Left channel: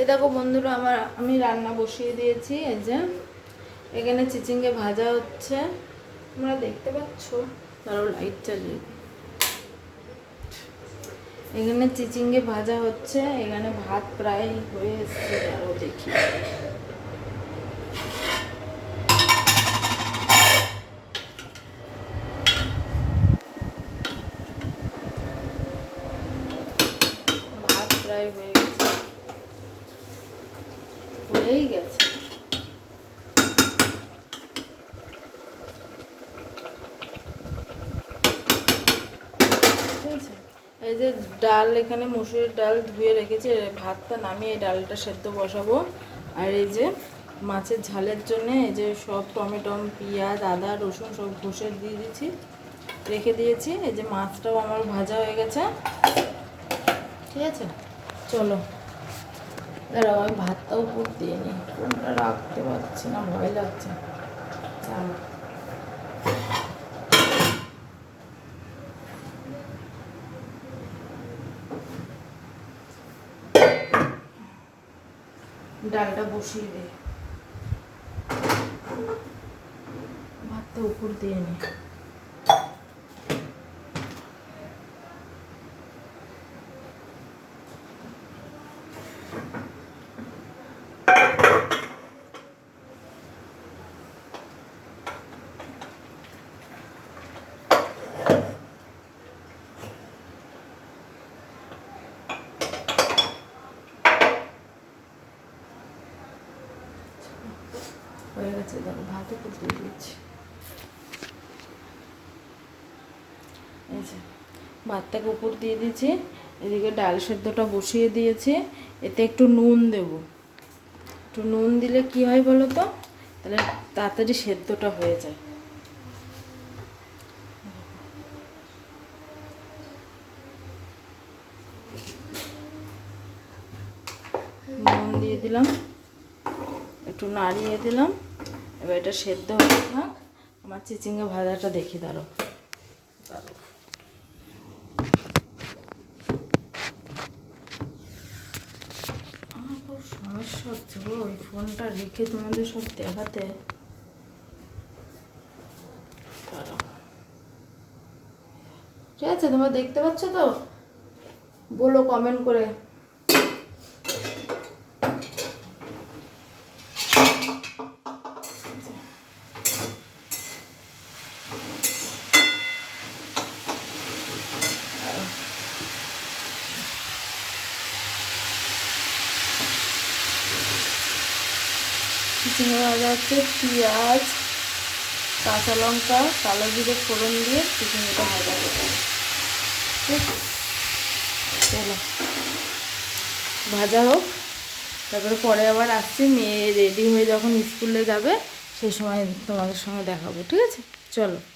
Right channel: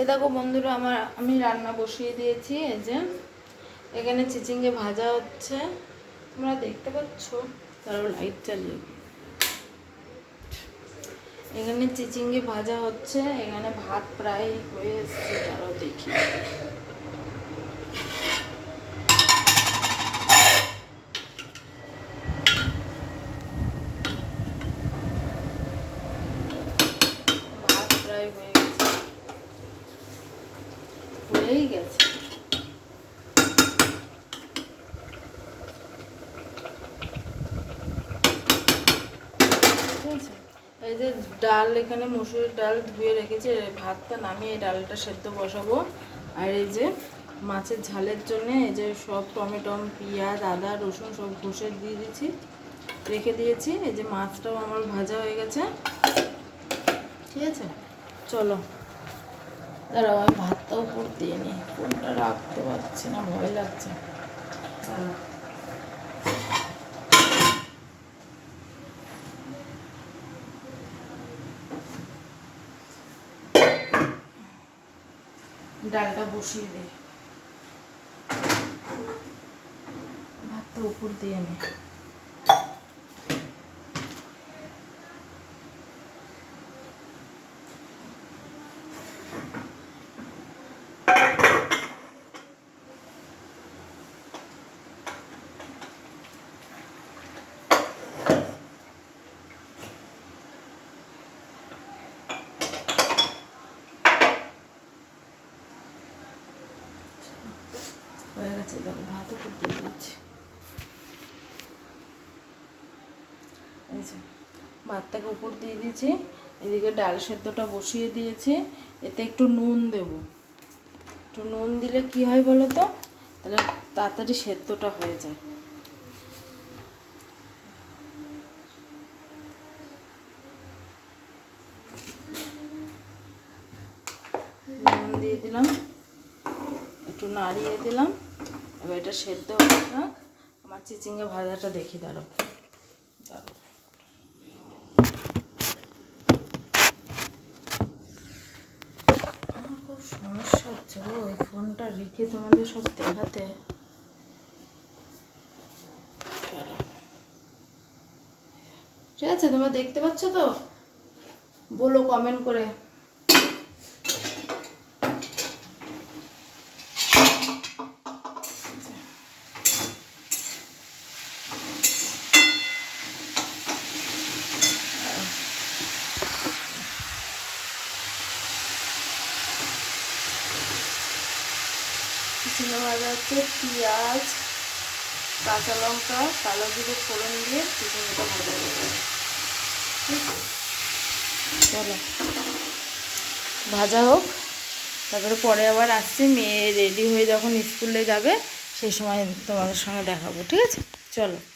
এ দেখো বন্ধুরা, আমার, আমি রান্না বসিয়ে দিয়েছি, এই যে। এখানে চিচিঙ্গে ভাজা হচ্ছে। তোমরা দেখতে পাচ্ছ? তারও লাইট চালিয়ে এখানে চিচিঙ্গে ভাজা হচ্ছে। এখানে ভাত প্রায় হয়ে এসছে তারও দেখি ভাত প্রায় হয়ে গেছে হয়েই গেছে। এই যে ডাল এখানে মুসুরির ডাল ধুয়ে রেখেছি ভাতটা নামিয়ে ডালটা সেদ্ধ বসাবো। আর এই যে মাছের ঝালের জন্য এই যে সব টমেটো পেঁয়াজ, আদা, রসুন সব ঘষে দিয়ে দিয়েছি, রেখে দিয়েছি। এই যে মাছটাও আমার ভাজা হয়ে গেছে। ঠিক আছে? চলো। দাঁড়াও, আমি ভাতটাও উপর দিয়ে নিই। কোনটা রাখতে পারছি না, ভয় লাগছে। ডালটা বসিয়ে দে। ভাতটা উপর দিয়ে নে। হয়ে গেছে দেখো ভাত উপর দিয়ে দিচ্ছি। এই যে, ভাতটাকে উপর দিয়ে দিয়েছি, এদিকে ডাল সেদ্ধটা বসিয়ে দিয়েছি, এতে একটু নুন দেব। একটু নুন দিলে কি হয় বলো তো? তাহলে তাড়াতাড়ি সেদ্ধটা হয়ে যায়। নুন দিয়ে দিলাম, একটু নাড়িয়ে দিলাম। এবার এটা সেদ্ধ হতে থাক আমার চিচিঙ্গে ভাজাটা দেখি দাঁড়ো দাঁড়ো খুব সমস্যা হচ্ছে ওই ফোনটা রেখে তোমাদের সব দেখাতে। ঠিক আছে, তোমরা দেখতে পাচ্ছ তো? বলো কমেন্ট করে। চিচিঙ্গা ভাজা হচ্ছে পেঁয়াজ, কাঁচা লঙ্কা, কালো জিরে ফোড়ন দিয়ে চিচিঙ্গাটা ভাজা ঠিক চলো। ভাজা হোক। তারপরে পরে আবার আসছি। মেয়ে রেডি হয়ে যখন স্কুলে যাবে, সেই সময় তোমাদের সঙ্গে দেখাবো, ঠিক আছে? চলো।